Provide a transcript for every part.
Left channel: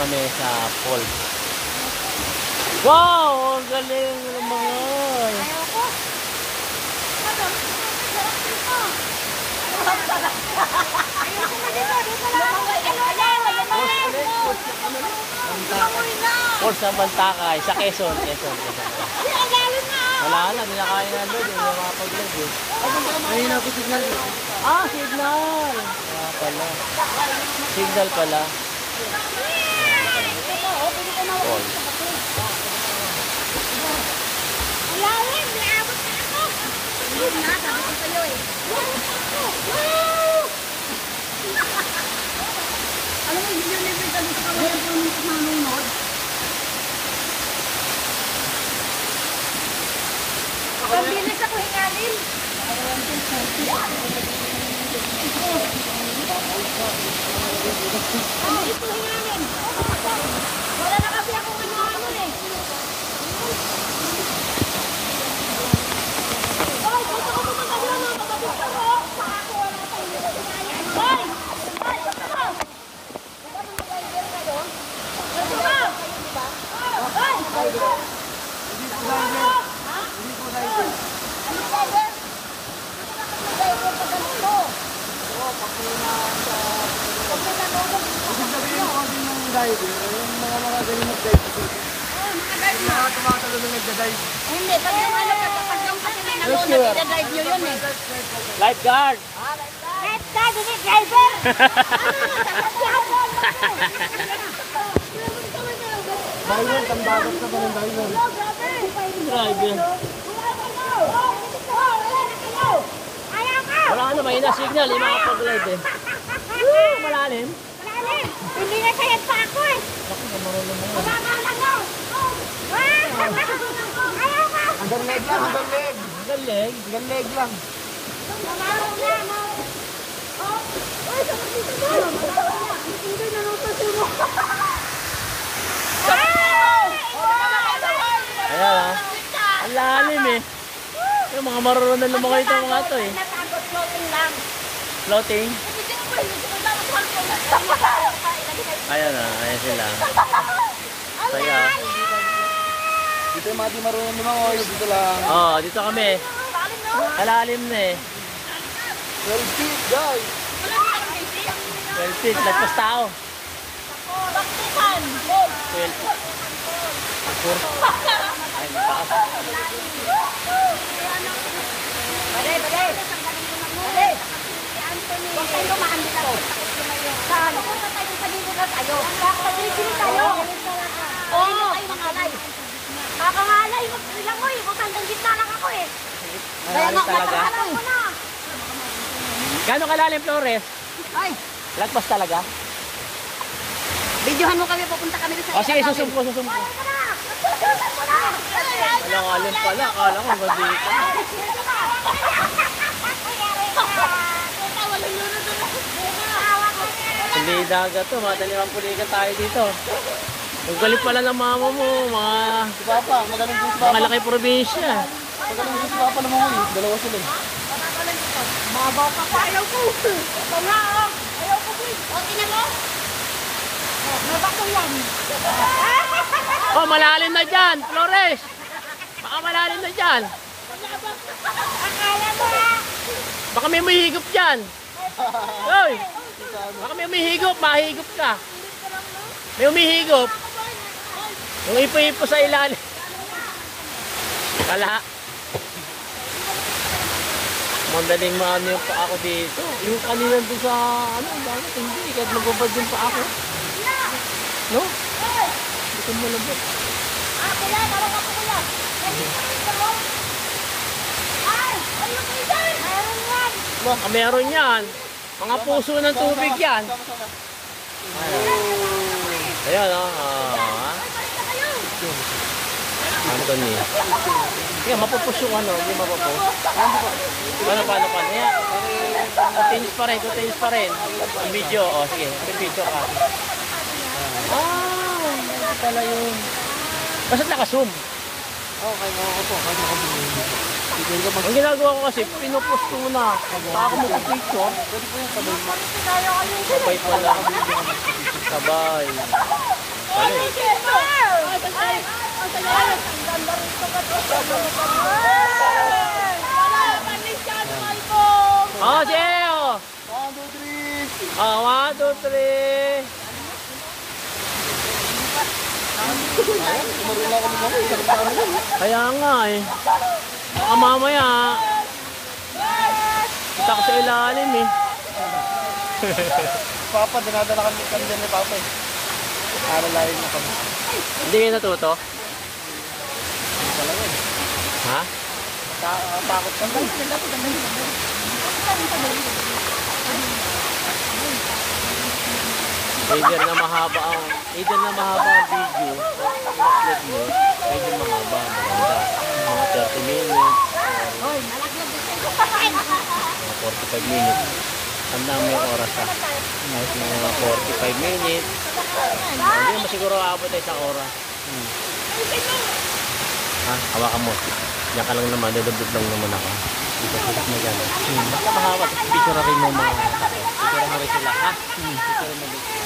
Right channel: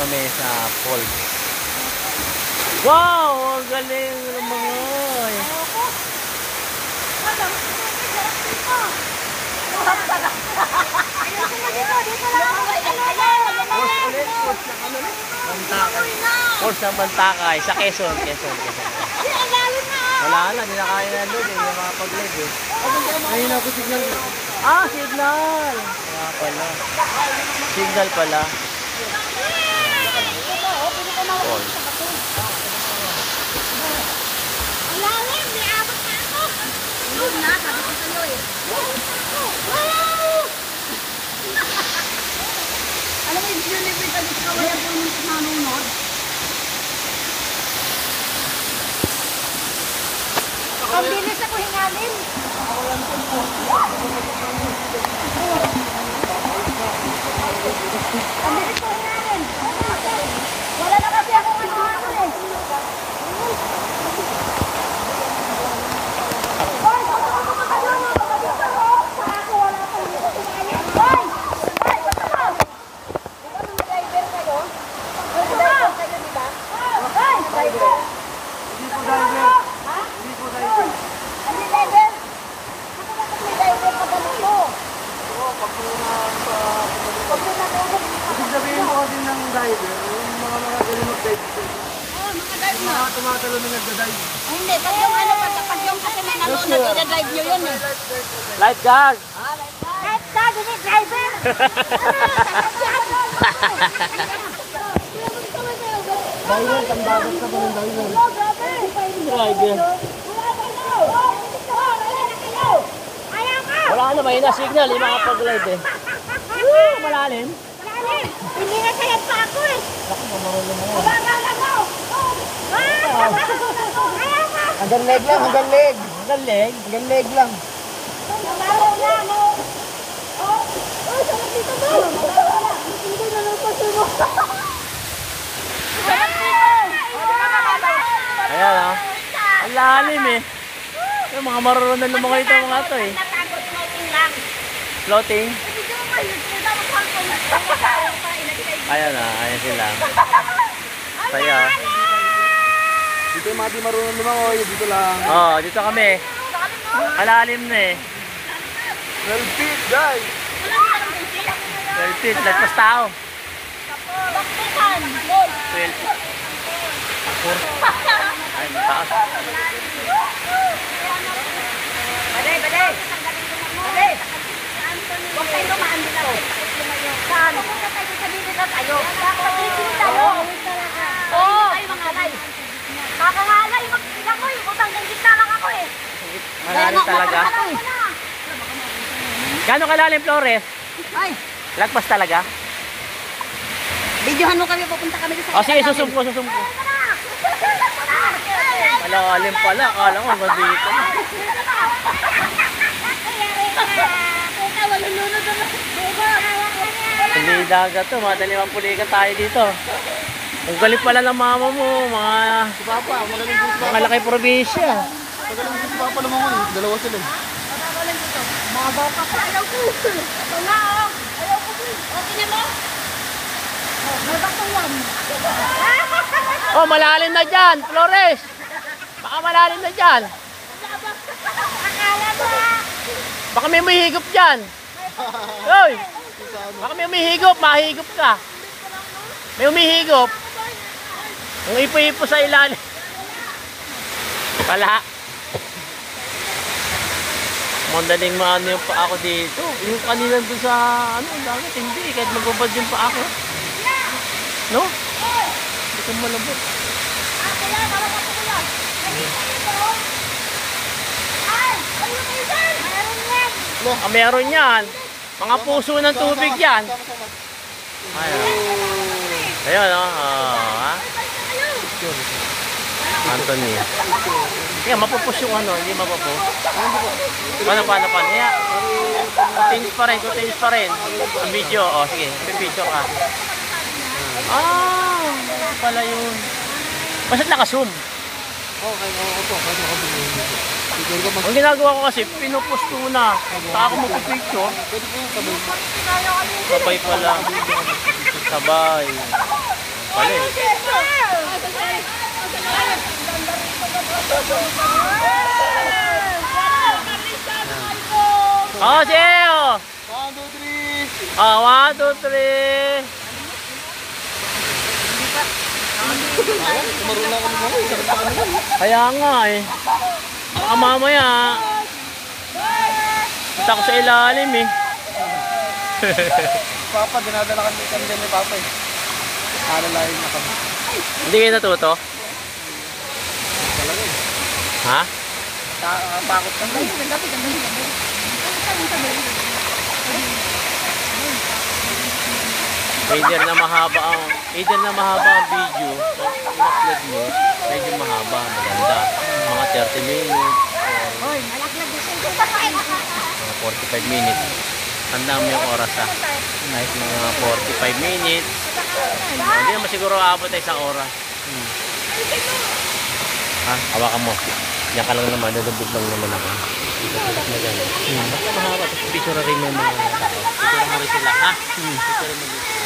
kami sa falls. Wow! Ang galing ng mga falls sa Bantakay, sa Quezon. Wala na, hindi na kaya na doon. Hindi na makapag-live eh. Ayun na ako signal. Ah, signal! Wala pala. Signal pala. Falls. Alam mo, hindi na nagkita dito sa wala yung mamunod. Pabilis ako hingalin. Pabilis ko hingalin. Wala na kasi akong ano eh. Hoy, gusto ko magkakaroon ng pagkabutan mo. Saka ako wala na kayo. Hoy! Hoy, gusto mo! Diba mga driver kayo? Yung driver kayo, diba? Hoy! Driver! Hindi ko driver. Ha? Hindi ko driver. Ano yung driver? Ako bakit may driver pag ganito? Oo, pag sa... Huwag na natulog. Ibig sabihin ko din ng driver, yung mga galing mag-dive. Oh, mga drive Yung mga tumatalo na nagda-dive. Hindi, pag yung ano, pag yung kasi may nalunod, ida-drive nyo yun eh. Lifeguard! Lifeguard, hindi driver! Diver, tambagot ka pa ng diver. Driver. Wala na, may na signal. Hindi makapag-live eh. Woo! Malalim. Hindi na sayad pa ako eh. Hanggang leg lang, hanggang leg. Galing. Hanggang leg lang. Ayan ah. Ang lalim eh. Yung mga marunong lumangoy ito mga ito eh. Natakot floating lang. Floating. Hindi mo ba yun? Hindi mo Ayan ah. Ayan sila. Saya. Dito yung mga di marunong lumangoy, dito lang. Oh, dito kami. Malalim na eh. 12 feet, guys. 12 feet. Lagpas tao. 12 feet. Ay, mataas. Baday! Baday! Huwag kayo lumaan dito. Saan? Pagkakasipin tayo. Oo. Kakahalay. Magpilang ko eh. Hanggang gitna lang ako eh. Malalim talaga. Gano'ng kalalim, Flores? Ay, Lagpas talaga? videohan mo kami. Pupunta kami sa O sige, susumpo. Malalim pala. Akala ko hanggang dito. Hindi dagat to. Madalimang pulikan tayo dito. Ang galing pala ng mama mo. Mga Si Papa, magaling din si Papa. malaki probinsya. Magaling din si Papa lumangoy. Dalawa sila. Mabaw ka pa. Ayaw ko. Ito nga oh. Ayaw ko. Okay na mo? May bato yan. Oh, malalim na dyan, Flores. Baka malalim na dyan. Akala mo ah. Baka may umihigop dyan. Hoy! Baka may umihigop, mahigop ka. May umihigop. Yung ipo-ipo sa ilalim. Pala. Mandaling maano yung pa ako dito. Yung kanina doon sa ano, dami hindi. Kahit magbabad yung pa ako. No? Hindi ko malabot. Kuya, tawag ako kuya. Ay, ayun kayo dyan. Mayroon yan. Ah, meron yan. Mga puso ng tubig yan. Ayun. Ayun, oh. Ah. Anthony. Kaya mapupus yung ano, hindi mapupus. Paano? Yeah. Continuous pa rin. Ang video, oh sige, pipicture ka. Ah, ito pala yun. Basta't naka-zoom. Okay, ako. Ang ginagawa ko kasi, pinupus ko na. Saka ako magpipicture. Pwede po yung sabay. Sabay pala. Sabay. pala eh. Oh, Jeo! 1, 2, 3. Ah, 1, 2, 3. Marunong ako naman. Kaya nga eh. Baka mamaya. Punta ko sa ilalim eh. Papa, dinadala kami dyan ni Papa eh. Alalayin na kami. Hindi kayo natuto? Talaga eh. Ha? Takot kami. Either na mahaba ang video. I-upload mo, medyo mahaba, maganda. Mga 30 minutes. Mga 45 minutes. Tandaan mo yung oras ha. Kahit mga 45 minutes. Hindi naman siguro aabot ay isang oras. Ha? Hawakan mo. Diyan ka lang naman. Dudubog lang naman ako. Dudubog na dyan. Mahaba. Picture rin mo mga tao. Picture mo rin sila. Ha? Picture mo dito.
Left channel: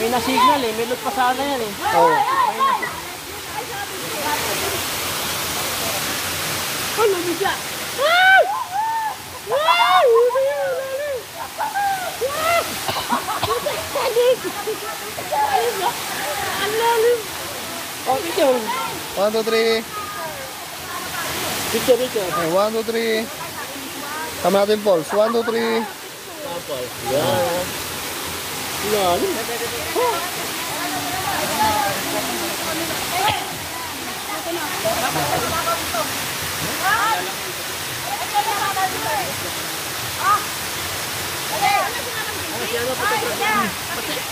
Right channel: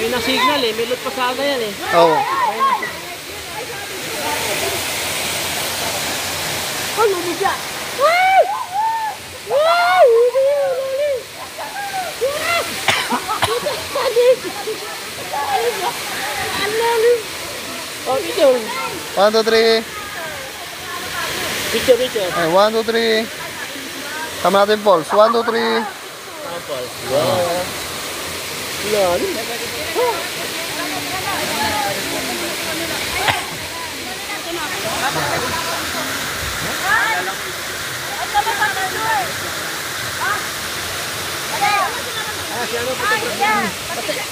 May na-signal eh. May loot pa sana yan eh. Oo. Oh, picture. 1, 2, 3. Picture, picture. Ay, 1, 2, 3. Tama natin pulse. 1, 2, 3. Sample. Wow. Lalim.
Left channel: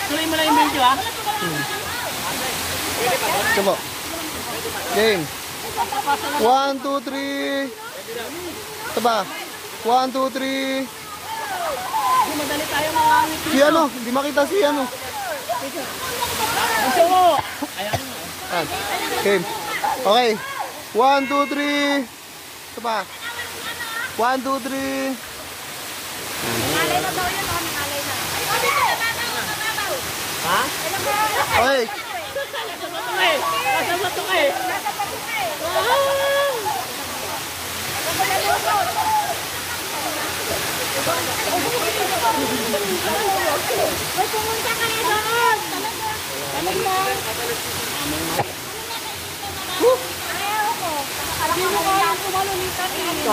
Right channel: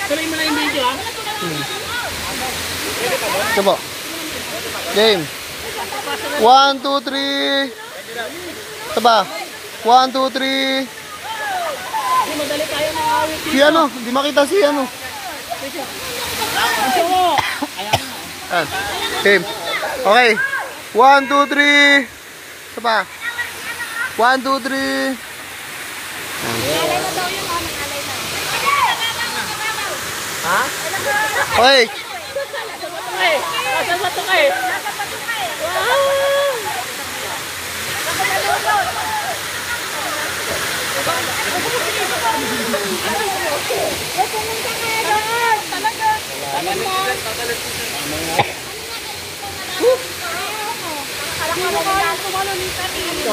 Tuloy mo lang yung video ha. Ito po. Game. 1, 2, 3. Ito ba? 1, 2, 3. Hindi, madali tayo mga awit. Si ano? Hindi makita si ano. Gusto mo. Ayan nga. Yan. Game. Okay. 1, 2, 3. Ito ba? 1, 2, 3. Ha? Okay. Nasa bato ka eh. Pumunta kaya doon. Talaga.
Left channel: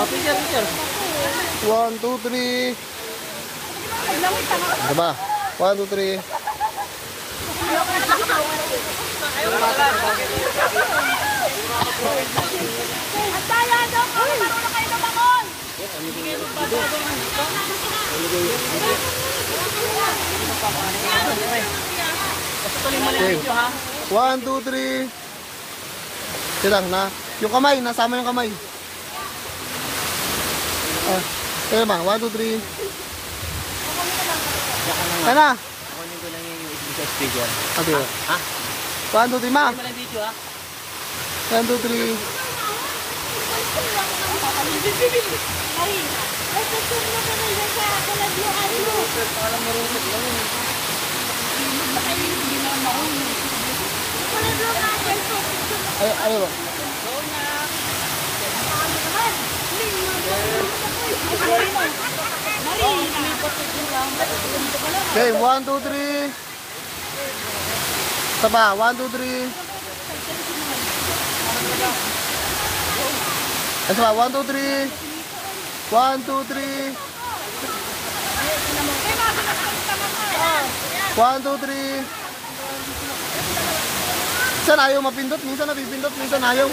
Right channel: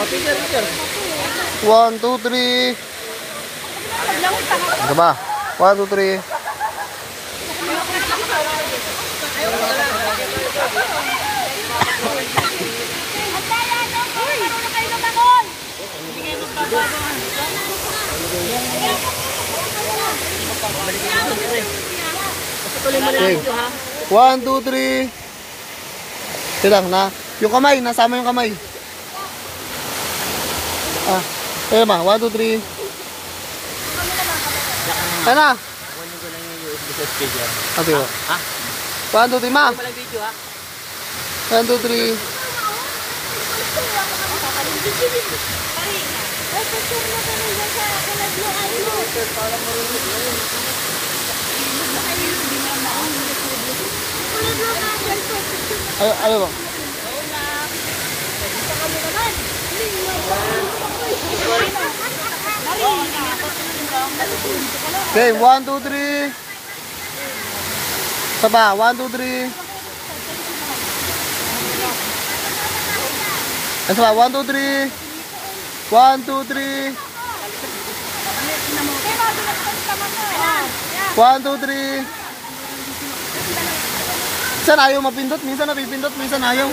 Picture, picture. 1, 2, 3. Ito ba? 1, 2, 3. Okay. 1, 2, 3. Ito lang na. Yung kamay, nasama yung kamay. Ah, ito ba? 1, 2, 3. Ano na? Ito yun. Ha? 1, 2, 3, ma. 1, 2, 3. Ano ba? Okay, 1, 2, 3. Isa pa, 1, 2, 3. Isa pa, 1, 2, 3. 1, 2, 3. 1, 2, 3. Minsan ayaw mapindot, minsan napipindot, minsan ayaw.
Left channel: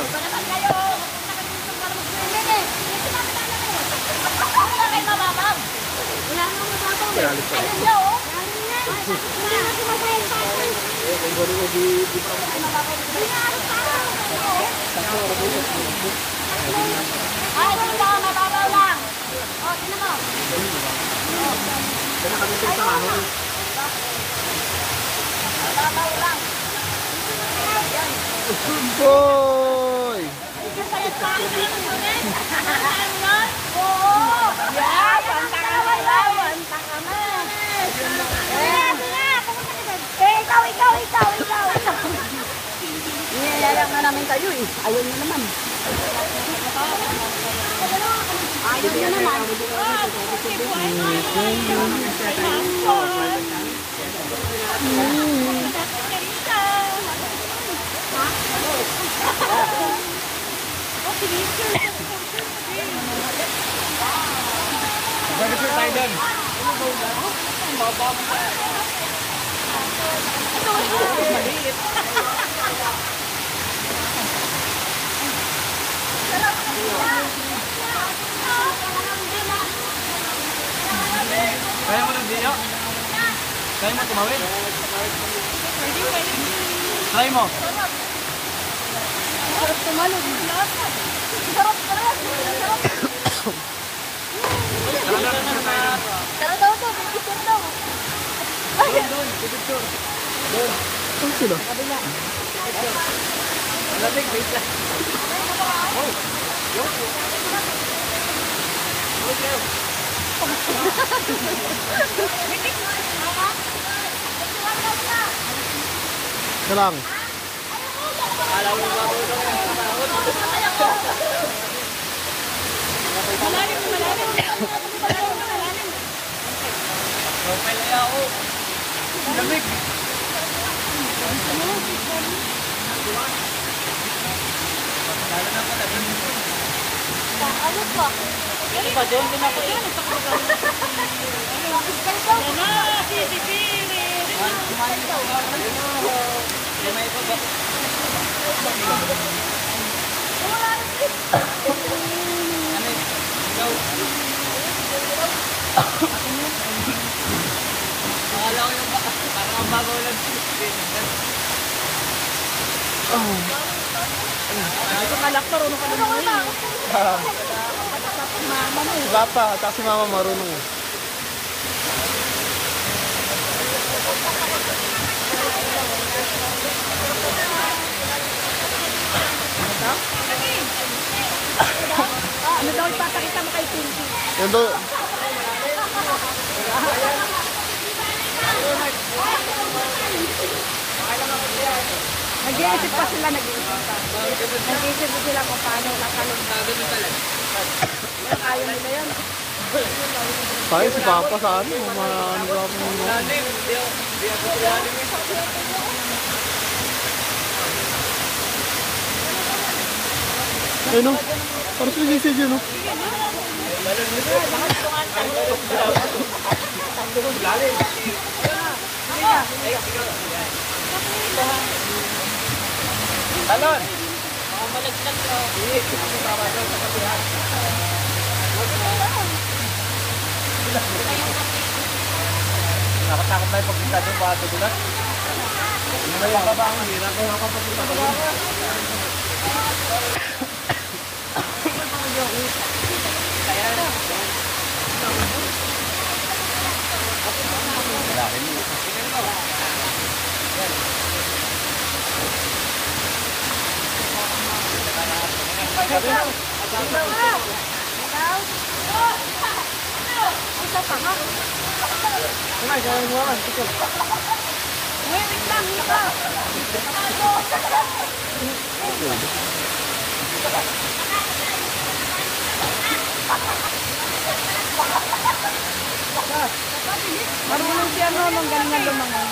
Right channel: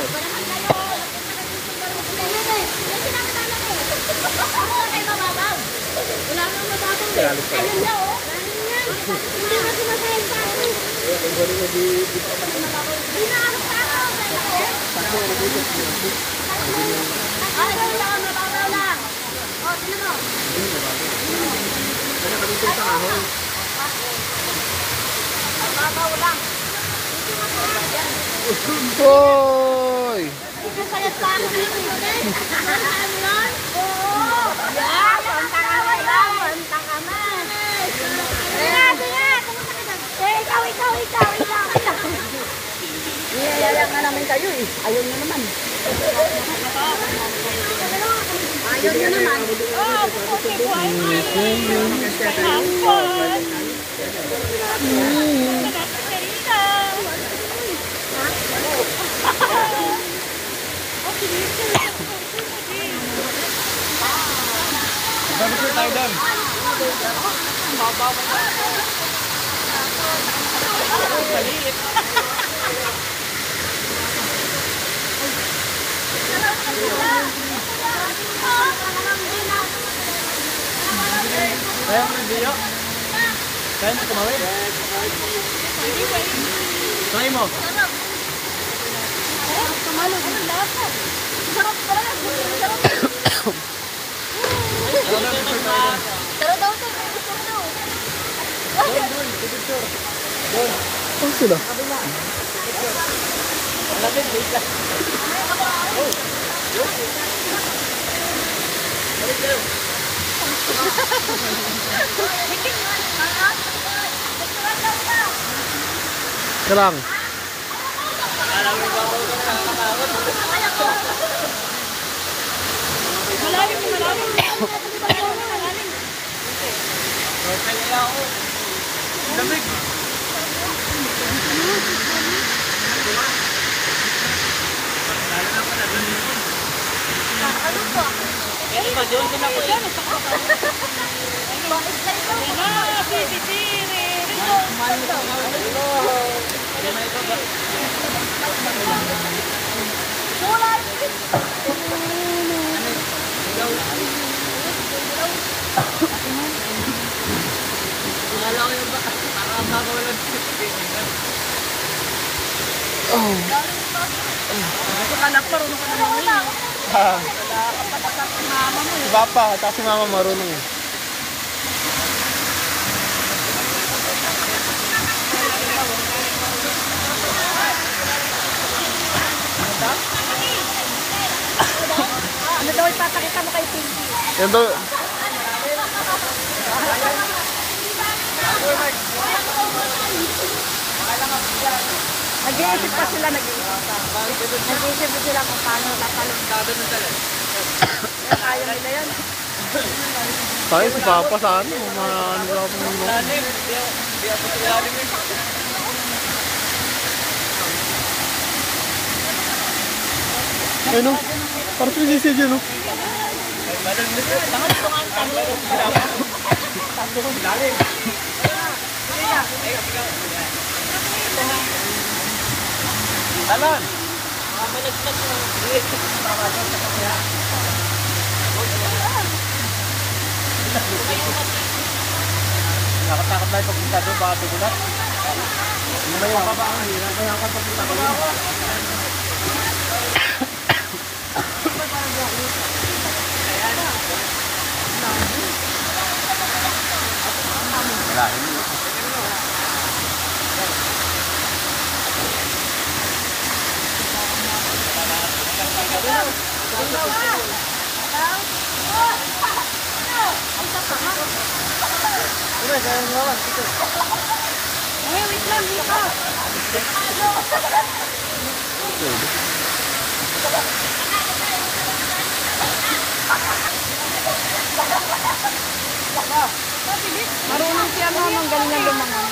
to. Kiralit pa rin. Hindi na sumasayin sa akin. Ay, matabaw lang. O, tinan mo. Matabaw lang. Boy! Sayat sa akin. Oo. Yan, panta ka na lang. Panta ka na. Sige, pumunta ka dyan. Ikaw. Niyayaya nga namin kayo eh. Ayaw nyo naman. Ayaw nyo naman. Babasir tayo doon. Kaya mo rin, Dio? Kaya mo tumawid? Try mo. Sarap tumalog. Sarap pala. Sarap daw to. Saan sila? Malamig, wait lang. Karang. Alam mo ba kung Ano po? doon din ako yan. Bakit ganito? Anak, marunong ka naman eh. Si Papa, at si Mama marunong eh. Ano daw ipapakita mo kay Pinky? Yan daw. Nag-iisip pa sila, nag-iisip pa. Nag-iisip sila kung paano nakalong. Pero kaya nila yan. Tayo si Papa saan? Ano ba ako mo? Ano? Parang sinisig yun, no? Talon! Nakatakot na yung pagpunta doon, baka tugulat. Ano ba yung babaan? Kaya ako pagpunta ko yun. Wala rin. Marunong siya nung galing ang lumangan.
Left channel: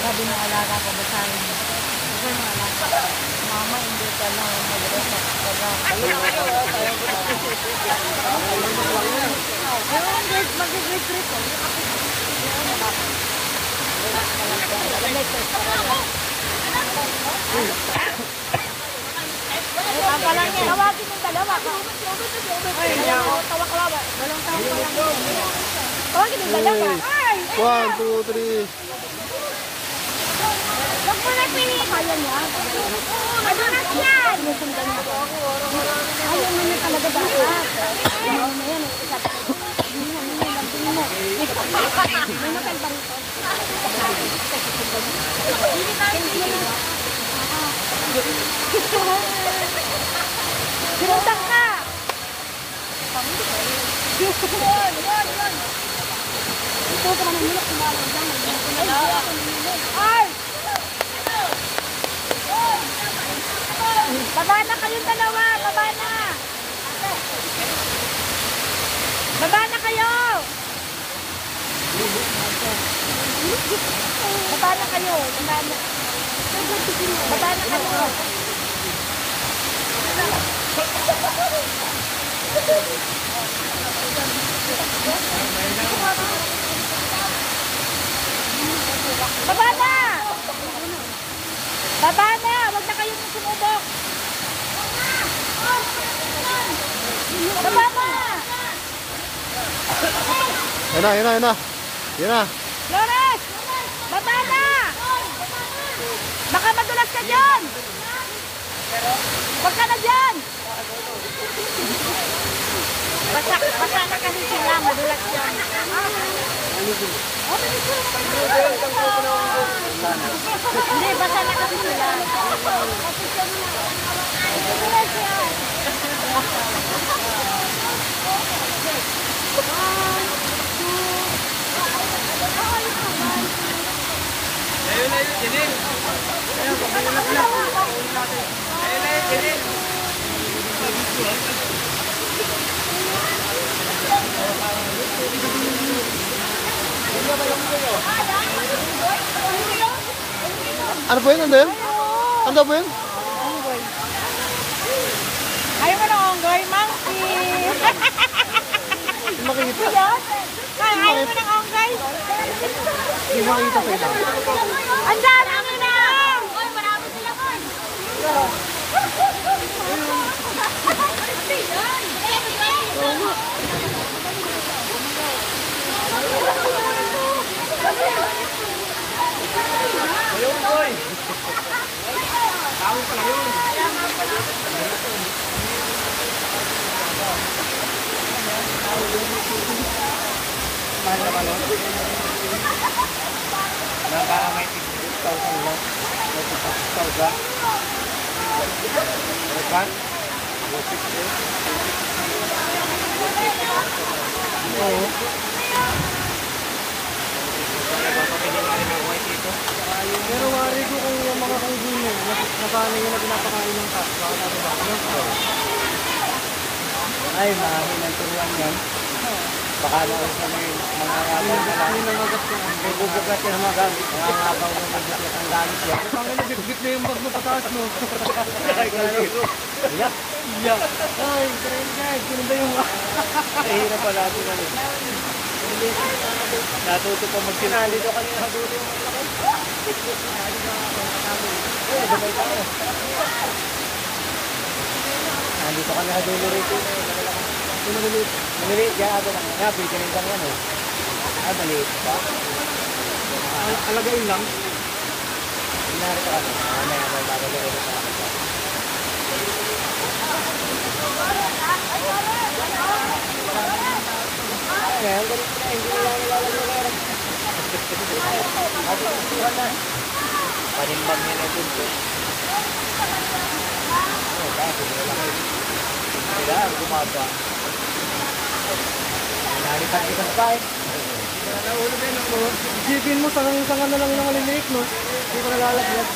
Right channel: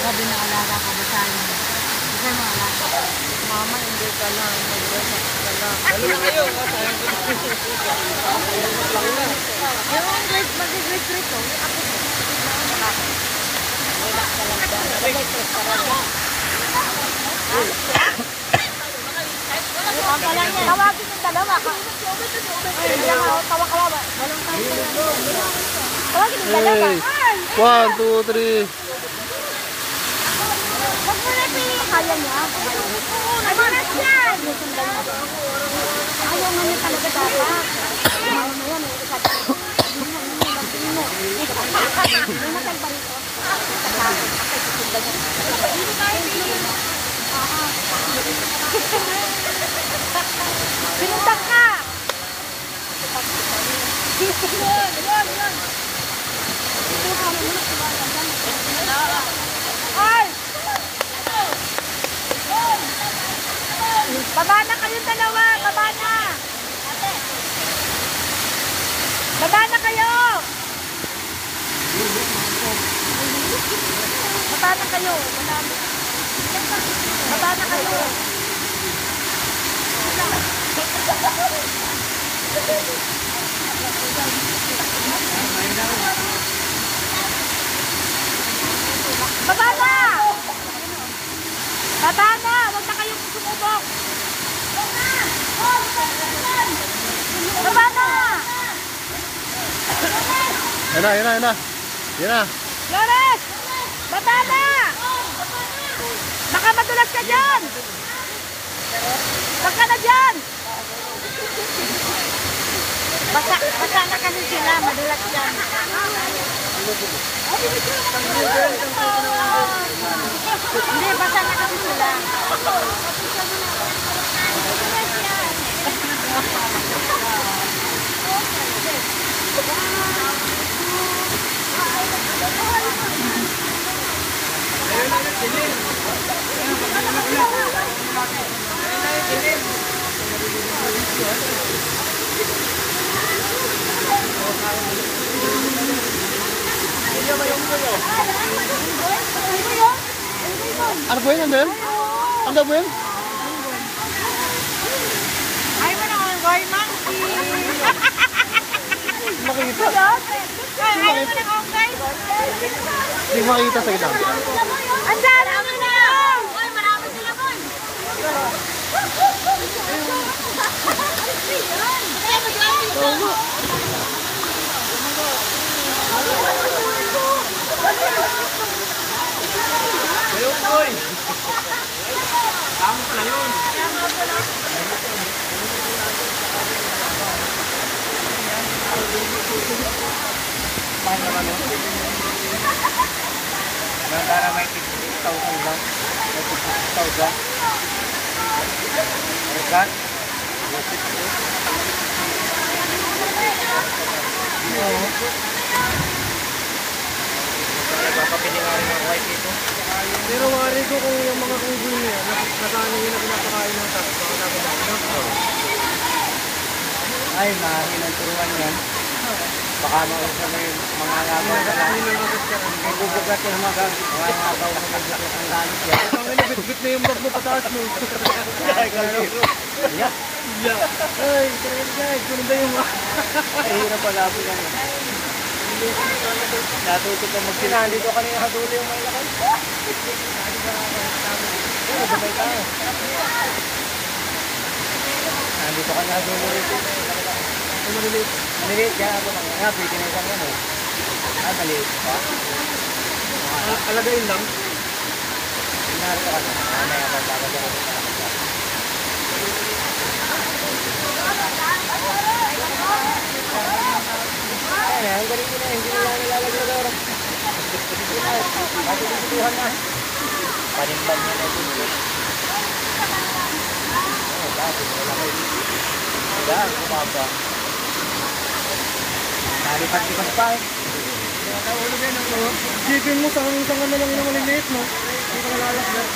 Sabi na alaga ko, basahin mo. Kasi mga alaga. Mama, hindi ka lang. Mag-resact ka lang. Yung mag-greet-greet ko. Yung ako ko. Yung mga ako. Relax ka lang dyan. lang yan. Tawagin yung dalawa. Kaya nga, tawa-kawawa. Dalawang taon pa lang. Tawagin yung dalawa. Hey. 1, 2, 3. Huwag mo na pili. Kaya niya. Madulas yan. Ayaw mo niya talaga dapat. Ayaw mo yan. May matal ba rito? Sinundak ka! Ay! Baba na kayong dalawa! Baba na! Baba na kayo! Baba na kayo! Baba na kayo! Baba na! Baba na! Huwag na kayong sumubok! Baba na! Yan na, yan na, yan na. Yan na. Flores! Baba na! Baka madulas ka dyan! Huwag ka na dyan! Basa na kasi sila, madulas dyan. Hindi, basa na kasi sila. Ano po yun? Ano yun? Ano po yun? Ay mo na ang goy monkey! Makikita. Ay mo na ang goy! Hindi makikita sa ito. Ang dami mo na! Oy, marami sila man! Mahal naman nun. Para may 50,000 lang. May 50,000. Kan? Oo. Papapili nga rin ng white dito. Pero wari ko kung yung mga kunggulo niya, nasana yun na pinapakain ng taas. Baka namin ba? Ay, mahangin ang turuan yan. Baka mausap na yung mga agabaw na lang. May bubugat yung mga agabaw na magbugat ang galit yan. Ang ina, bit-bit na yung bag mo pataas mo. Ay, kaliro. Yeah. Ay, guys, ganda yung Ay, hirap pala ako lang eh. Natuto pa magsinali. Nandito kanina hatulo yung mga lakay. Ay, nagabay tayo. Nandito ka na hatulo rito. Maliliit. Maliliit yan ako lang. Nga, pwede na isang ano. Ah, maliit pa. alagayin lang. Pinarito ka na. May ako bago na ulit na ako. Ay, ang galing ko na. Hindi nila nilalagay na lang. Matutultuhan na. Panimbang yan ay punto. Oh, bakit? Wala kayo. Sila, ang gumaba. Nalipat-lipat pa eh. Naulog yan ako. Sipin mo, isang na lang yung maliliit, no? Hindi ko nalalagyan.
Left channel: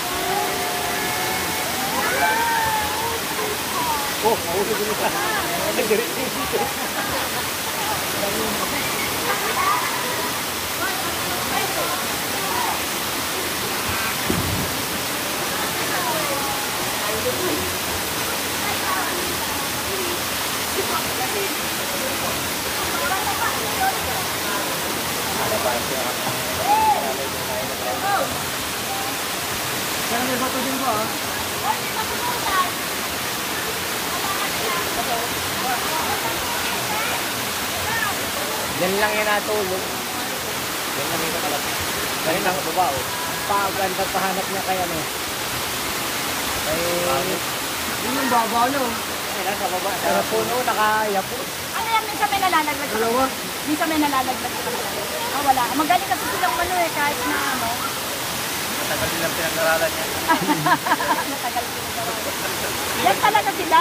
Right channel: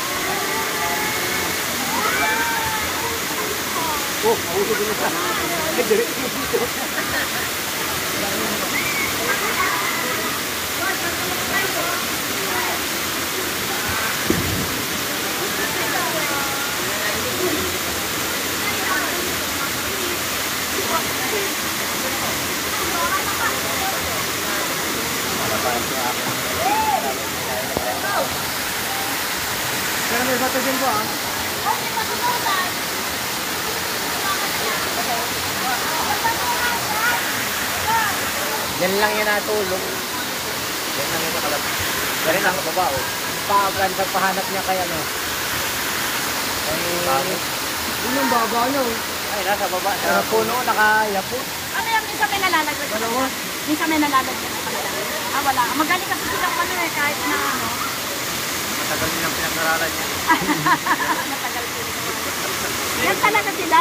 Oh, maulog din isa. Nag-direct dito. Kaya may bato din po, ah. Yan lang yung natulog. Yan lang yung nakalapit. Ganun ang baba, oh. Paganda pahanap niya kay ano. Kay... Yun yung baba nyo. Ay, nasa baba. Sa puno, naka-yapon. Ano yung minsan may nalalaglag? Dalawa. Minsan may nalalaglag sa kanila. Ah, wala. Magaling kasi silang ano eh, kahit na ano. Matagal nilang pinag-aralan niya. Matagal sila. Yan talaga sila.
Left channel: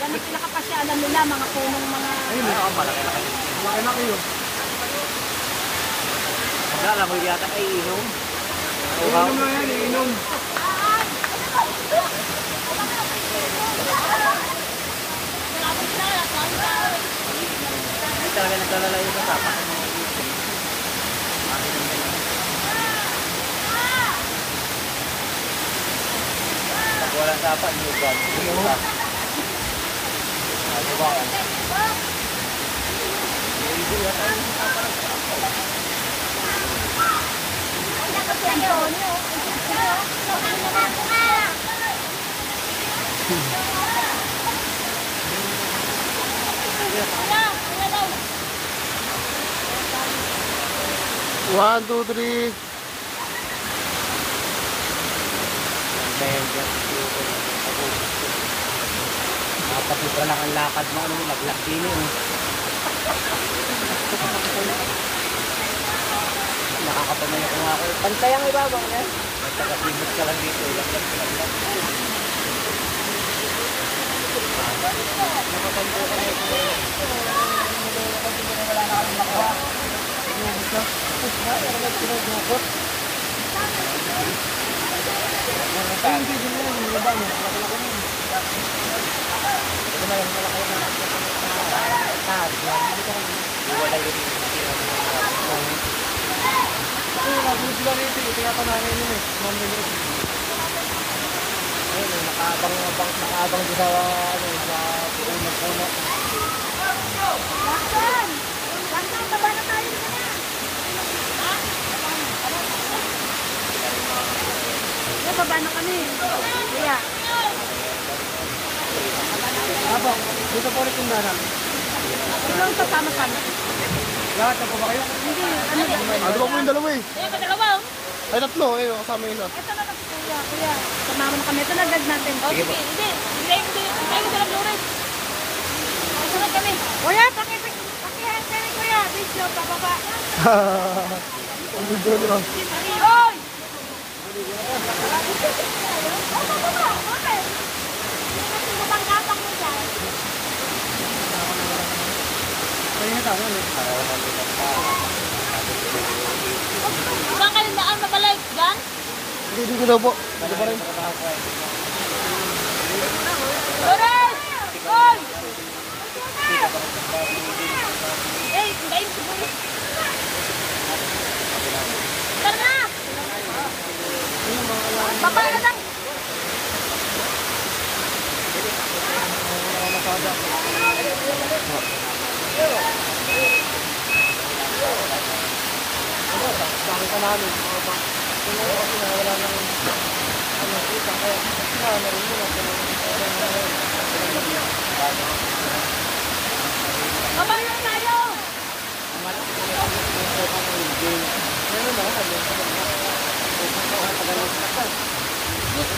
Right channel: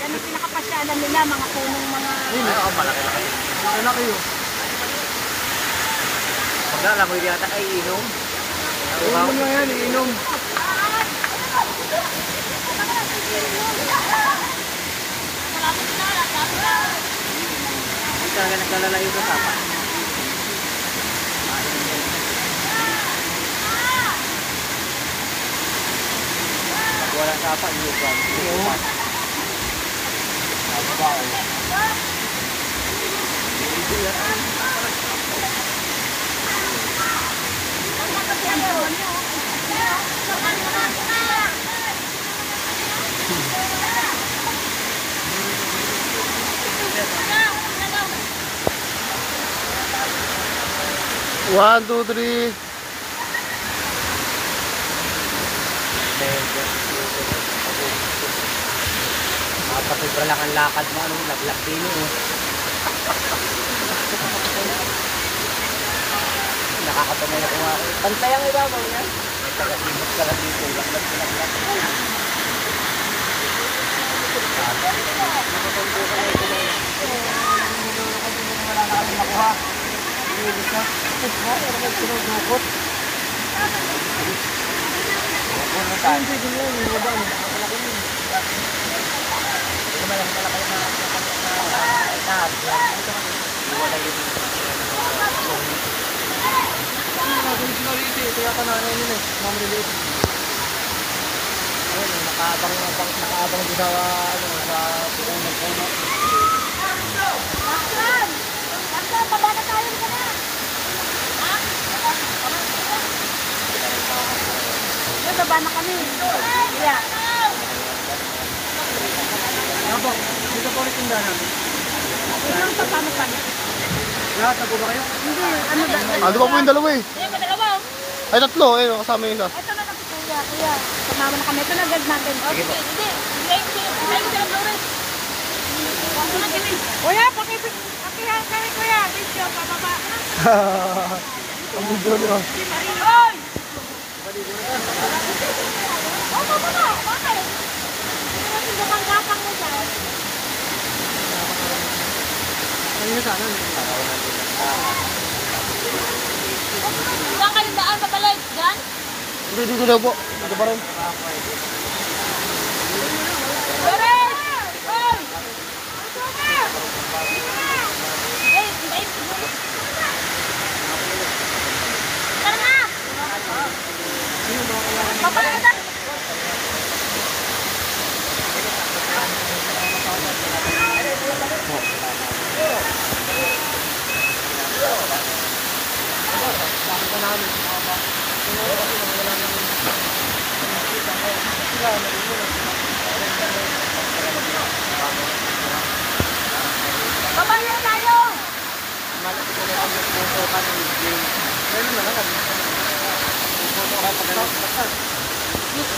Yan ang pinakapasyalan nila, mga punong mga... Ay, malaki-laki. Malaki yun. Maglalangoy yata ay inom. Inom na yan, inom. Hindi talaga naglalalayo sa sapa. Pag walang sapa, hindi ba? One, two, three. Napasubra lang ang lakad mo, ano, laglak din eh. Nakakapamay ako nga ako. Pantay ang ibabaw niya. May taga-simot ka lang dito, laglak. Wala na kami nakuha. Sinudukot. Punutan. Malaki na taas. Wala yun. Nagulog sila rito eh. Kaya pananay nyo eh. Mamriliit. Ayun, nakaabang din sa, ano, sa puno. Baksan! Baksan, baba na tayo na. Yan, baba na kami. Kaya. Apo, dito po ulit yung dana. Ito yung kasama pa niya. Lahat na po ba kayo? Hindi, ano ba? Ano ba po yung dalawa eh? Ayan, madalawa oh. Ay, tatlo eh. Kasama yung isa. Ito na lang si Kuya. Kuya, sumama na kami. Ito na gag natin. Oh, sige, hindi. Bigay ko sila Flores. Ito na kami. Kuya, pakihan kayo Kuya. Video, pababa. Ang video nyo. Hoy! Oh, pababa. Bakit? Hindi mo gapang mo dyan. Ayun yung sana. Saan kayong daan babalik? Diyan? Hindi, dito daw po. Dito pa rin. Flores! Hoy! Tara na! Baba na na! Bakit ka namin? Mga ba? Kung ano kasi wala nang kita. Kaya narin mo lang. Baba na tayo! Malaki ko lang yung puso ka ng game. Meron na kami.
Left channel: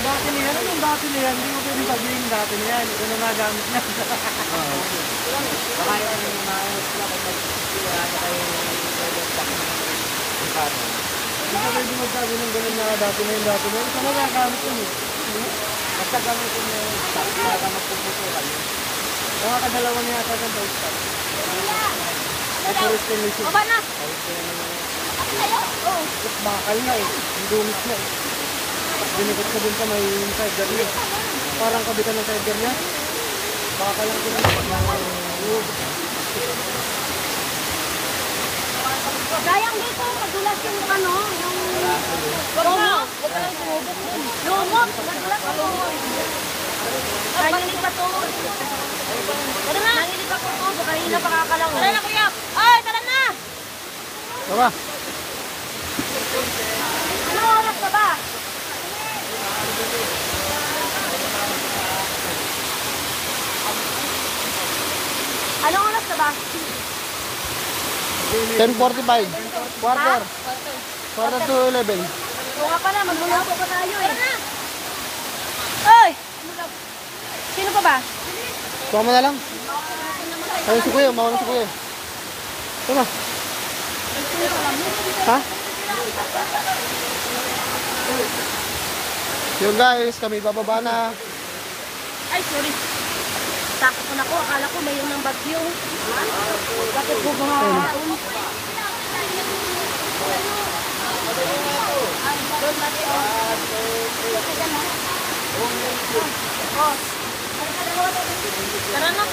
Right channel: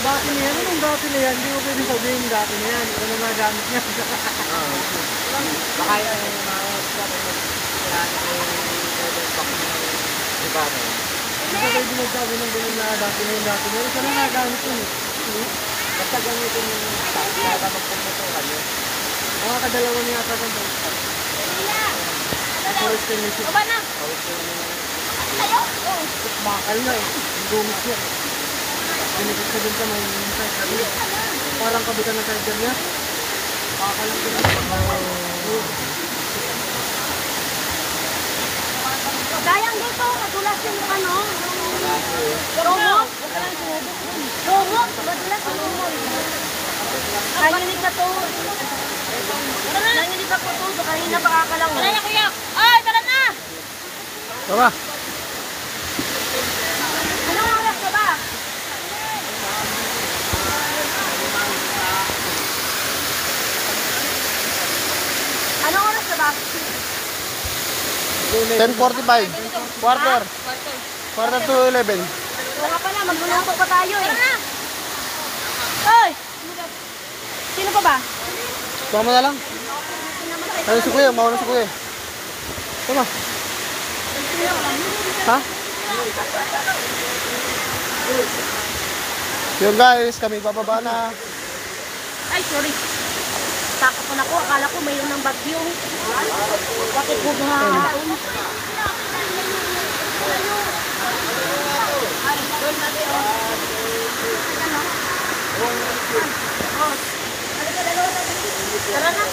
Dati na yan. Anong dati na yan? Hindi mo pwede sabihin dati na yan. Ano nagamit niya? Nakaya na yung mga dapat mag-sira na kayo Hindi ka pwede magsabi ng ganun na dati na yung dati na yan. Saan nagagamit yun eh? basta gamitin yung stock para magpuputukan yun. Mga kadalawa niya ata ng bike stock. Forest and Lucy. Baba na! Bakal na eh. Ang dumit niya eh. Dinikot ka dun sa may sidecar niya. Parang kabitan ng sidecar niya. Bakal lang din. Dayang dito, madulas yung ano, yung romo. Romo, madulas yung romo. Naninipat to. Naninipat ko to, baka hindi na pakakalaw. Tara na kuya! Ay, tara na! Tara. Nanawak ka ba? 10:45. Quarter. Quarter to 11. Oo nga pala, magluluto pa tayo eh. Tara na! Oy! Sino pa ba? Tama na lang. Ayun si Kuya, mawala si Kuya. Tama. Ha? Yun guys, kami bababa na. Ay, sorry. Takot na ko. Akala ko mayroon ng bagyo. Bakit po buhahain? Tara na.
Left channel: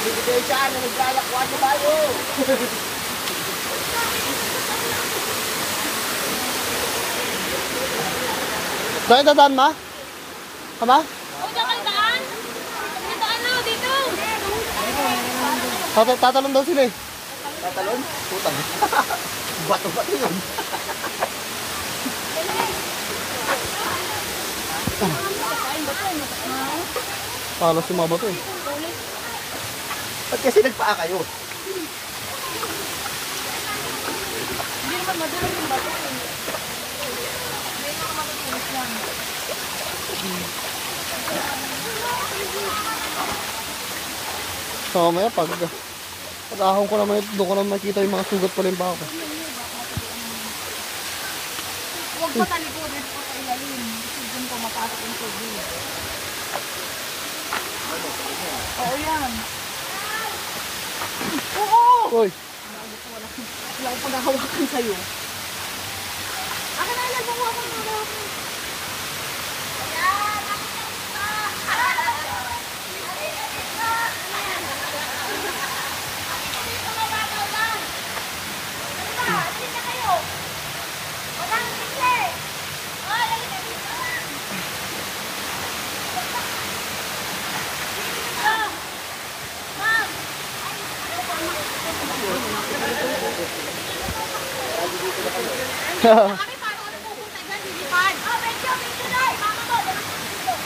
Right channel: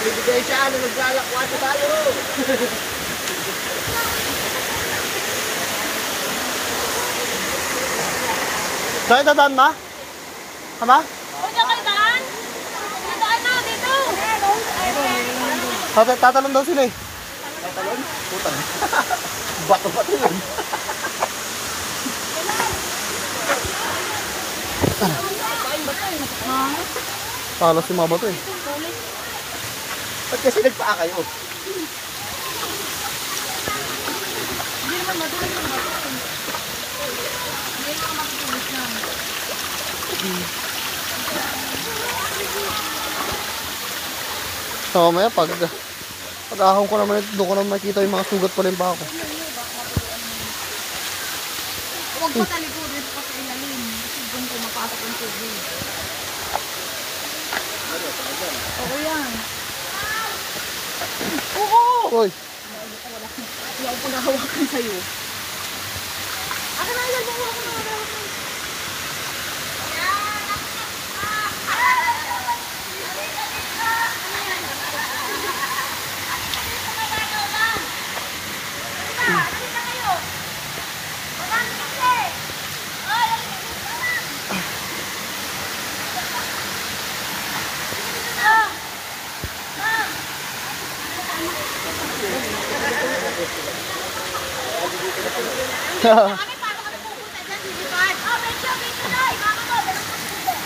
Bibigay siya, naglalakwa sa tayo. Saan dadaan ma? Ama? O, dyan kayo daan. Daan na, dito. Tatalon daw sila eh. Tatalon? Putang. Bato-bato yun. Palos si mga bato eh. Ba't kasi nagpaa kayo? Hindi naman madulas ang bato eh. Hindi naman madulas lang. So mamaya pag ahon ko naman ito, doon ko naman makikita yung mga sugat pala yung paa ko. Huwag pa talikod, huwag pa sa ilalim. Kasi dun po mapasok ang tubig. Oo yan. Oo! Uy! Wala akong paghahawakan sa'yo. Akin na ilan, hawakan na hawakan.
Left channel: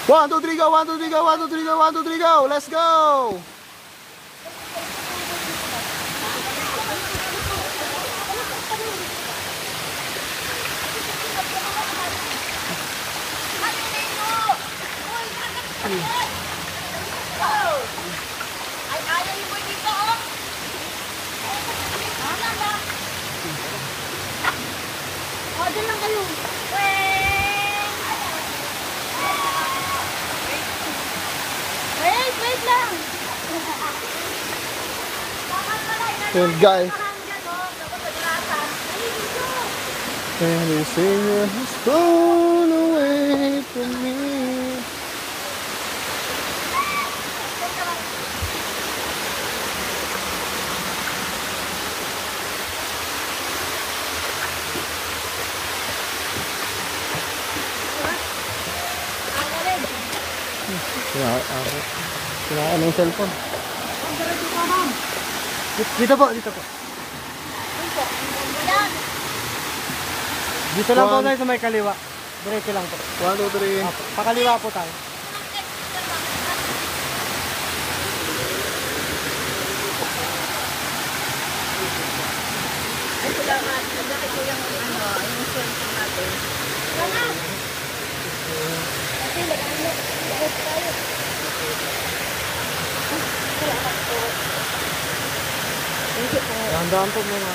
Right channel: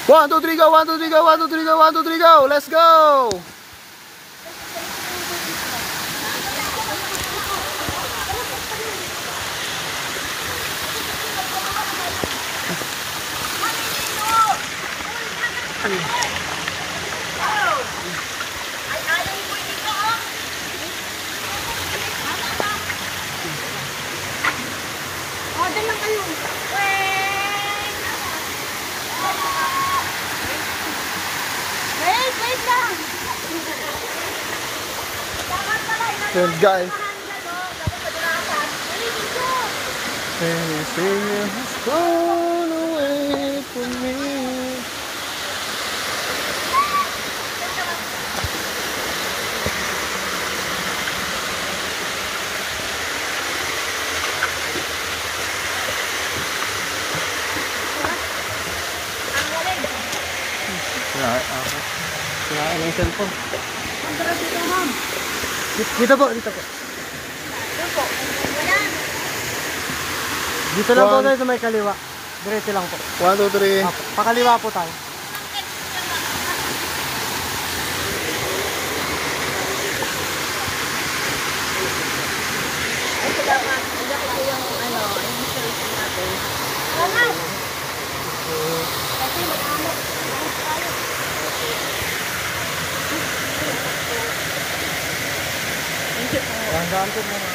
One, two, three, go! 1, 2, 3, go! 1, 2, 3, go! 1, 2, 3, go! Let's go! O, dyan lang kayo. Wait lang. Yun guys. Anything has gone away from me. Kinain na yung cellphone. Dito po, dito po. Dito lang po tayo sa may kaliwa. Diretso lang po. 1, 2, 3. Pakaliwa po tayo. Dahan-dahan po muna.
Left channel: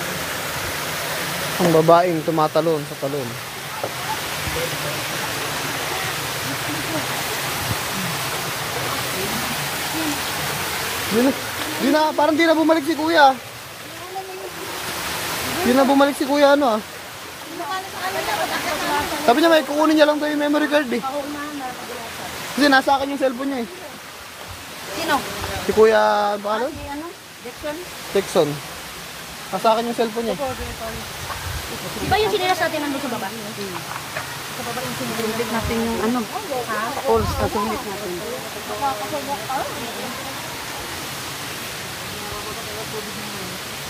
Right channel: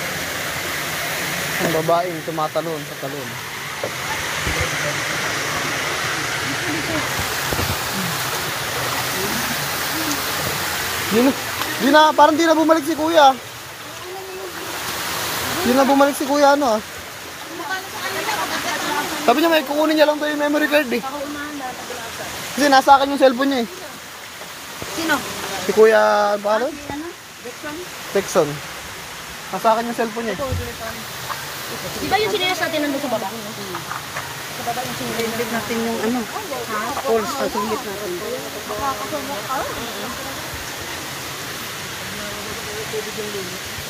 Ang babaeng tumatalon sa talon. Parang di na bumalik si Kuya. Di na bumalik si Kuya ano ah. Sabi niya may kukunin niya lang tayo yung memory card eh. Kasi nasa akin yung cellphone niya eh. Sino? Si Kuya, paano? Jackson? Jackson. Nasa akin yung cellphone niya eh. Di ba yung sinilas natin nandun sa baba? Sa baba yung sinilas natin yung ano? Calls na sinilas natin.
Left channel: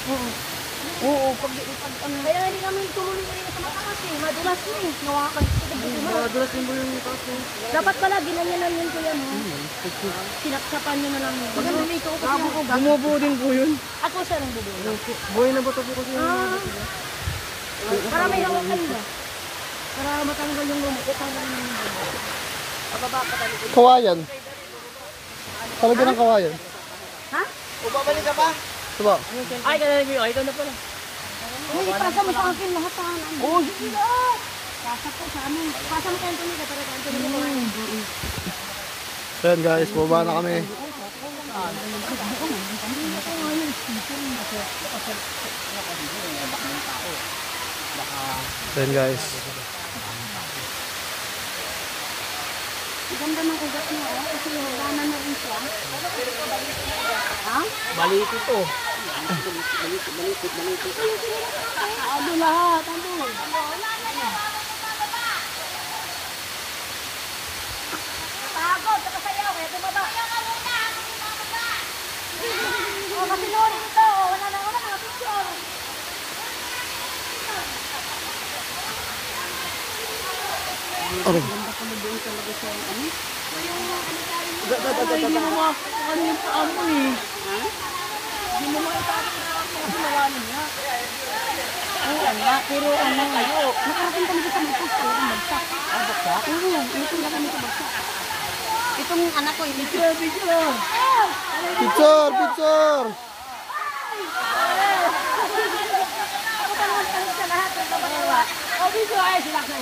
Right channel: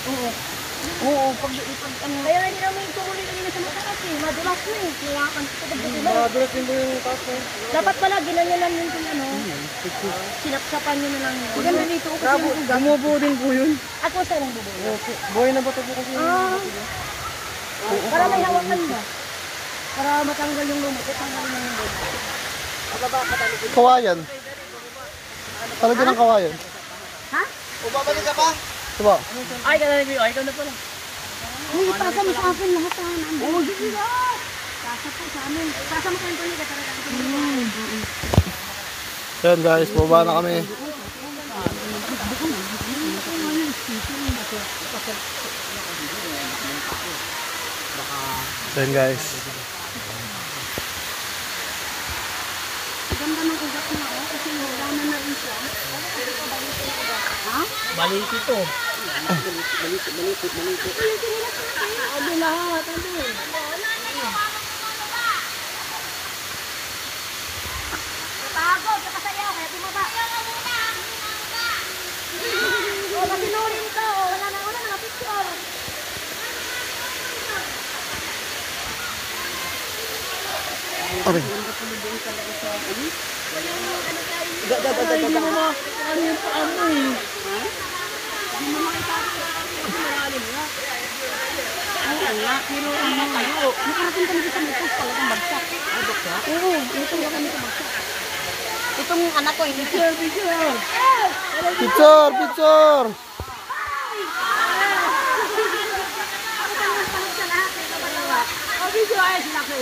Oo. Oo, pag ano, Kaya hindi namin tumuloy kanina sa mataas eh. Madulas na eh. madulas din po yung kaso. Dapat pala, ginanyanan yun kuya, no? Sinapsapan nyo na lang yun. Maganda dito ko kasi yung ugat. Bumubuo din po yun. Ako sa nang bubuo. Buhay na bato po kasi yung Para may hawakan ba? Para matanggal yung lumot. Tanggal mo yung lumot. Pababa ka talaga. kawayan. Talaga ng kawayan. Ha? Babalik ka pa? Diba? Ay, ikaw na pala. Ay, ipasa mo sa akin lahat ha. Oo, sige lahat. Pasa po sa amin. Pasa mo kayo Anthony. Katara Anthony. Ayan guys, baba na kami. Ayan guys. Ganda ng ugat mo oh. Kasi huganan na rin siya. Ha? Balik ito. Abi lahat. Ano? Pagod. Nakasayaw. Kaya bumaba. Oh, masinurin ito. Wala na mga picture. Okay. Hindi mo ano yung paano eh. Hindi mo makitapos kasi malalim na. Oo nga, pero ano, nakarating kami sa Mitas talagang bagsak. Ay, bagsak? Oo, ito lang kami sa bagsak. Itong anak ko, hindi siya. Picture, picture! Ako tanong sa lahat, nagkabatawa. O, video ay, silak na.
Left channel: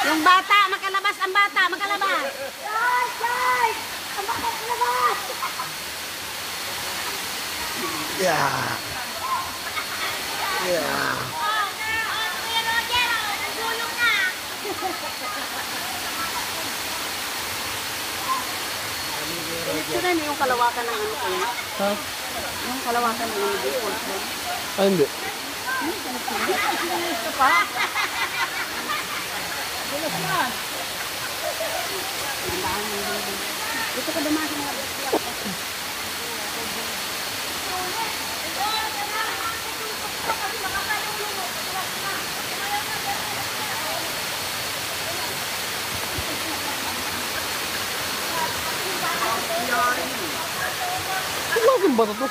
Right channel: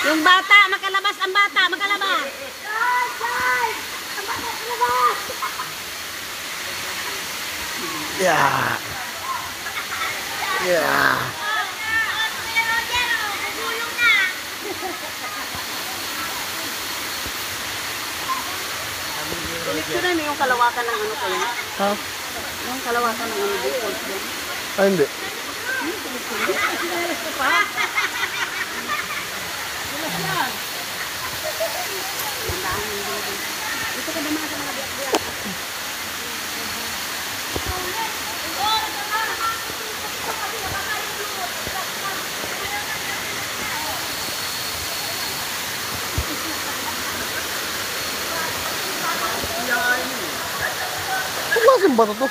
Yung bata, makalabas ang bata, makalabas. Guys! Ang bata, makalabas! Yeah. Yeah. Ito na yung kalawakan ng ano kayo. Ha? Yung kalawakan ng ano dito. Ay, hindi. Gusto pa? Ito ka dumaan sa mga Kung klaseng bato to?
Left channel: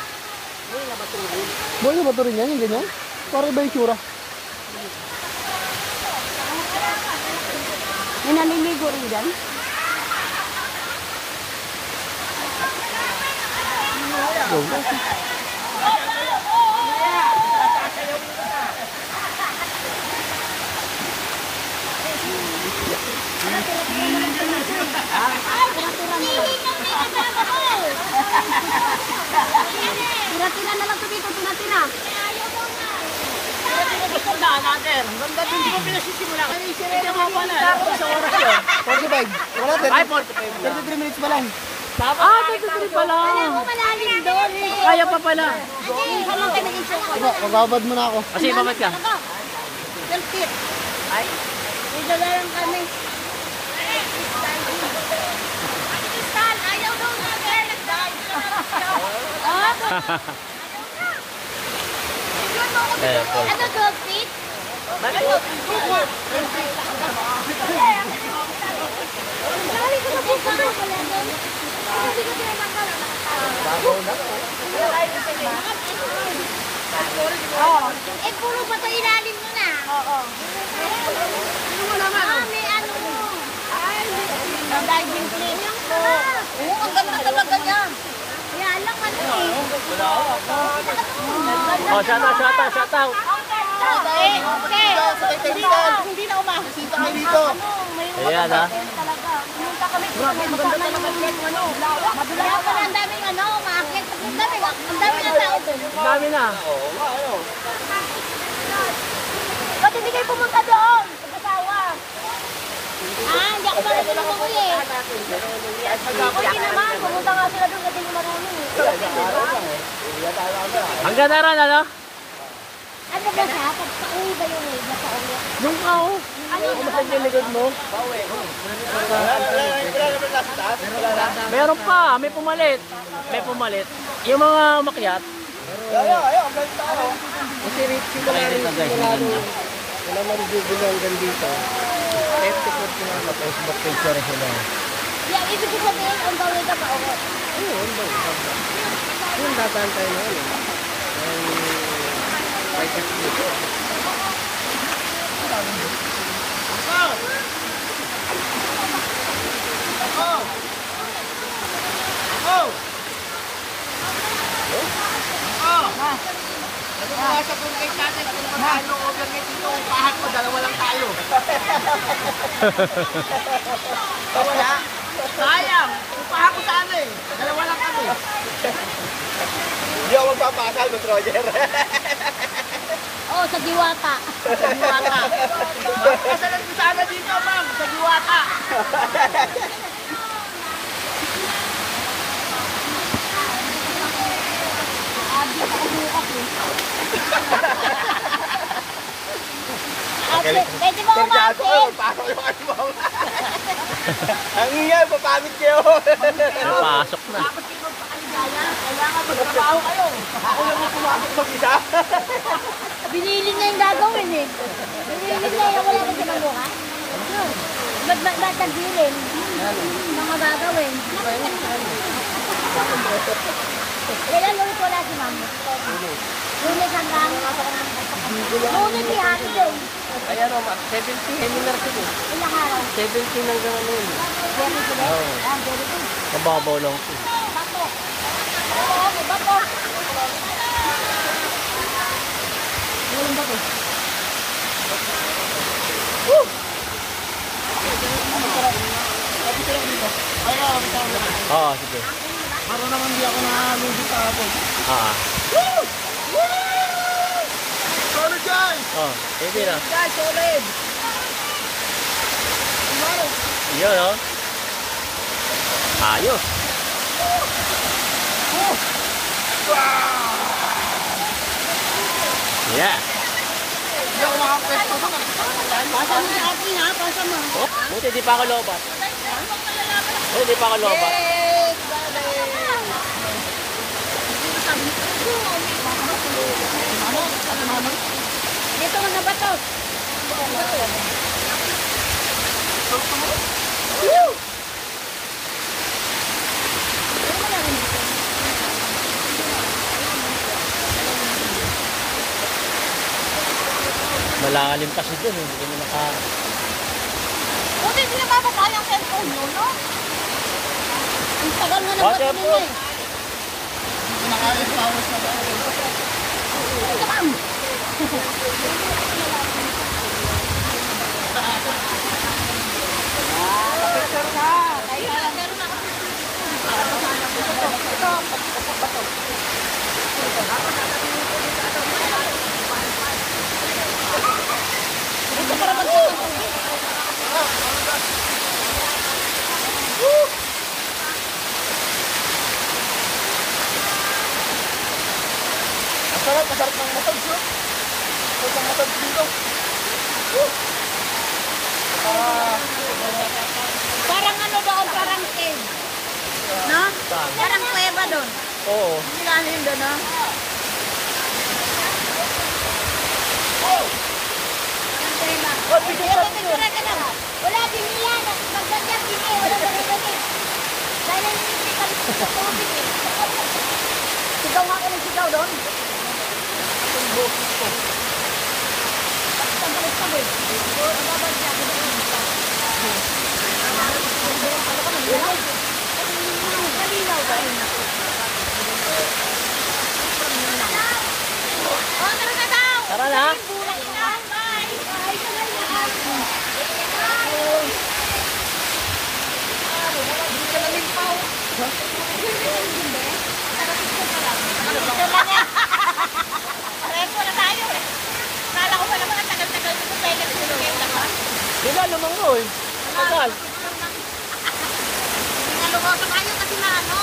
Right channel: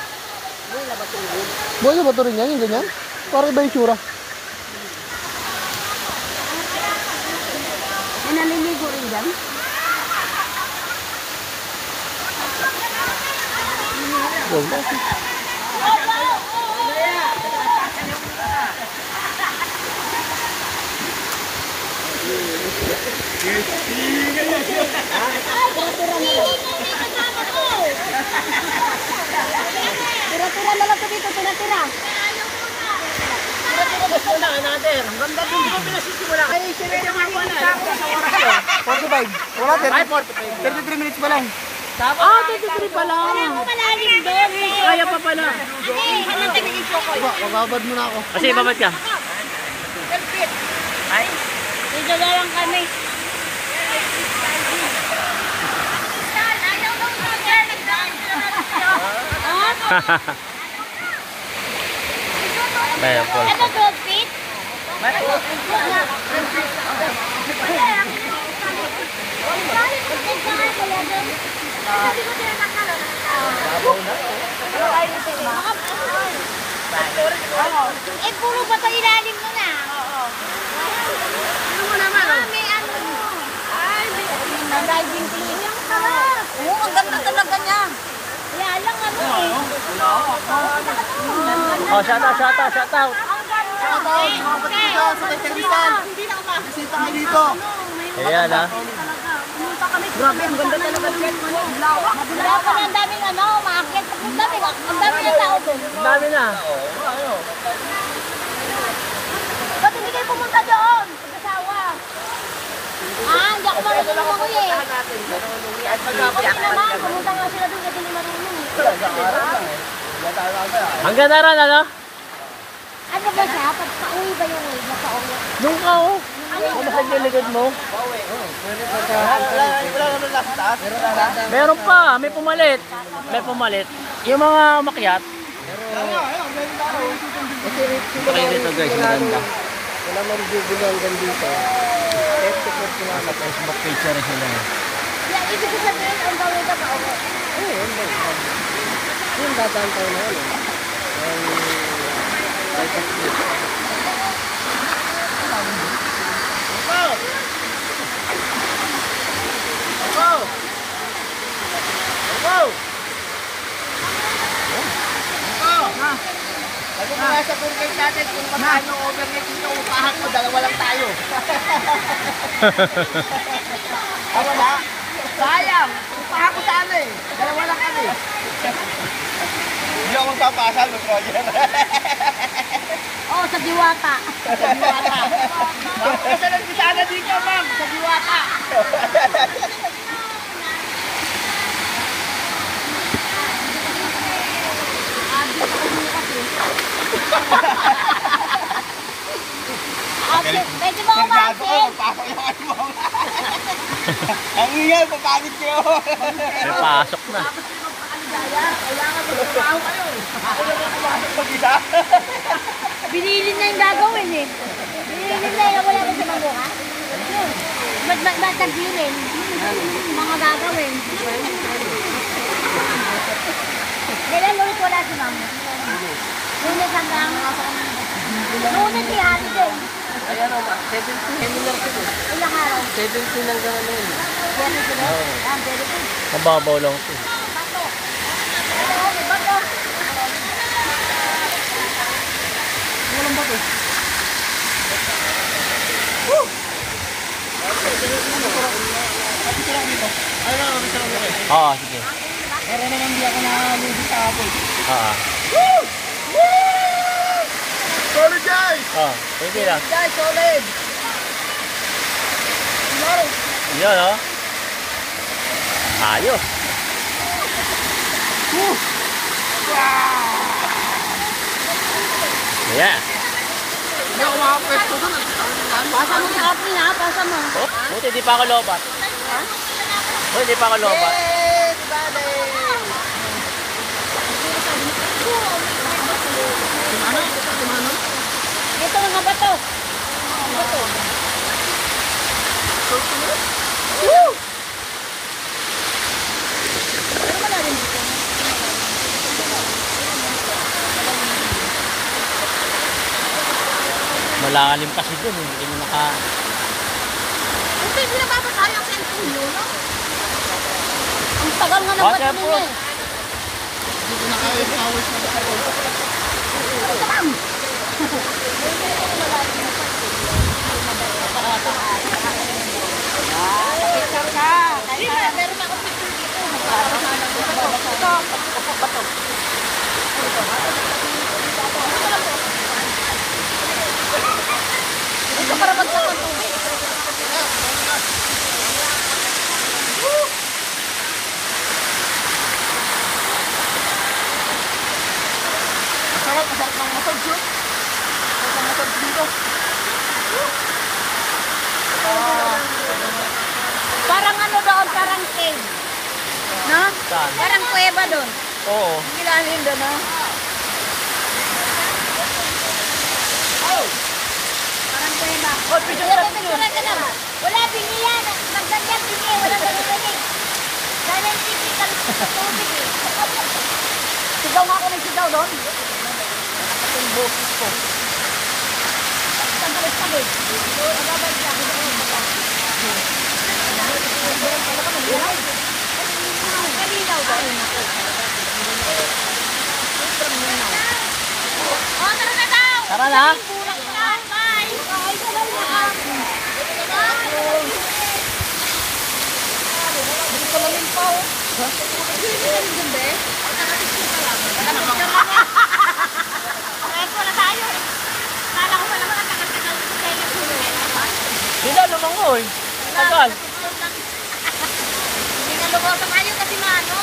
Buhay na bato rin yan, yung ganyan? Para iba yung tsura. May naliligo rin dyan. Go, go. Tira-tira na lang ito dito, tira-tira. Tandaan natin. Ang ganda din. Hindi ko pinasisimula. Ay, sinaya nga pa na. Isang oras yun. 45. Wala, Ay, 45 lang. 33 minutes pa lang. Ah, 33 pa lang. Kaya ko malalim doon. Kaya pa pala. Halang tayo ng chocolate. Diba, magbabad muna ako. Kasi babad ka. Kalpit. Ay. Dito na lang kami. Ayaw daw na Kaya, Paul. Ano, dog feet? Bakit? Eh, puro ba ito ilalim mo na? Oo. Ano mo naman? May ano mo. Ay, may diving clinic. Oo, ang ganda-ganda niya. Kaya lang ano eh. Oh, shout out. Okay, okay. Hindi na umahit. Bisita kayo dito. Ayan, ha? Pumunta kami sa maganda na yung ano. Madulay pa ang daming ano, maakyat. Ang dami ng tao doon. Ang dami na. Ba't hindi kayo pumunta doon? Pag-asawa. Hindi ako marunong ako eh. Okay naman, pumunta nga sila doon kasi hindi marunong eh. Hanggang na ron, ano? Ano ba siya? Pagka-uwi ba yung nasa-uwi? Nung ka, oh. Yung Kumasag yung likod mo? Wala naman nasa taas. Meron pa, may pumalit. May pumalit. Yung mga makyat. Kasi Richie Try dito guys, maganda. wala man bibili hanggang dito. 54 ko Sa Facebook page rin sila. Yan, ibig sabihin, ang gawin ka pa uwi. Ayun, yung dadaan tayo na ano. Ay, kasi. Sabi ko nga sa pungkay natin, kung magkano overnight dito, upahan mo, dalawa lang tayo. Wala. Sayang, upahan ko sana eh. Dalawa lang kami. Hindi ako magpapasal, Miss Roger. Oo, sa Diwata. Sa Diwata. Kasalan ko sana dito, ma'am, sa Diwata. Ate, pwede mo umasin. Ang ingay, papagod kayo. May pasok na. Binili na yung gagawin eh. Binili na yung wala na si Mabuka. Ba't nagbilin? Mga gagawin. Kailan ulit wala si Ma'am? Lunes hanggang Lunes si holiday. Ayan o, 17 anniversary ko. Ilang araw? 17 hanggang ano yun. Very good. Very good. Mababaw lang ito. Bato. Oo, may bato. Walang bato. Oo, sige. Para naman di ako nakalugi sa hapon. Oo. Sorry guys! Oh, hindi lang. Guys, solid. Yun, oh. Ayos. Yeah. Hindi ako makapwesto doon. Pasa mo sa akin ha, pasa mo. Oh, buti di pa ako lobat. Buti di pa ako lobat. Yes, buddy. Dito mga bato. Bato. Woo! Pero malalim dito. Malalim kasi dun, eh. Hindi mo naka... Buti hindi nababasa yung cellphone mo, no? Ang tagal nga ng Waterproof. bato nila eh. Picture ka. Dito para magsakan tubig. Masarap ng massage yun. Masarap ng massage dito. Parang ano doon, parang cave. No? Parang kuweba doon. Oo. Nilanin doon, no? Parang kuweba. Oh, picture ka lang. Wala din yan. Magganyan din eh. Wala ganyan. Dahil ang physical sa tubig eh. Sigaw nga ako ng sigaw doon. Ang bukis ko. Ang bukis. Ang babalik ako doon. Kalinaw ba? Oh, tara na daw! Tara na. Bulak na! Bye! Bye! Sabay na! Repo na tayo eh. Kala ko pala mga tagal-tagal ko kaya nag-ulit naman. Sila lumangoy. Tagal. Hindi na lugaw tayo kasi maano.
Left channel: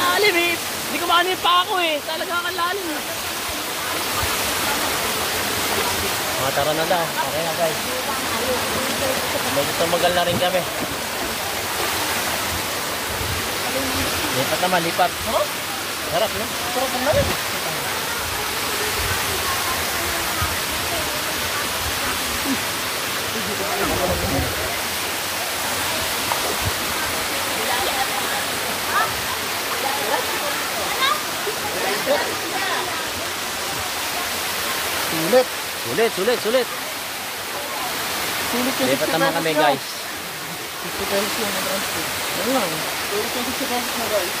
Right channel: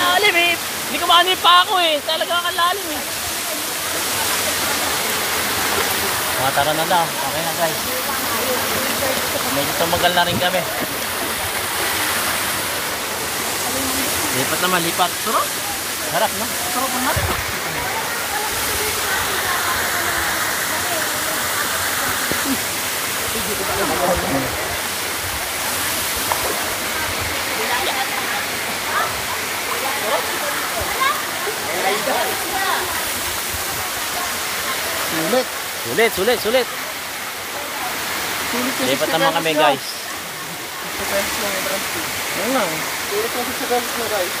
Lalim eh. Hindi ko maano yung pa ako eh. Talaga kang lalim eh. Mga tara na daw. Okay na guys. Medyo tumagal na rin kami. Lipat naman, lipat. Sarap. Sarap, no? Sarap ang narin. Sulit. Sulit, sulit, sulit. Sulit yung Lipat 60 naman kami pesos guys. 60 pesos lang ang transport. Ayun lang. Sulit yung 60 pesos na guys.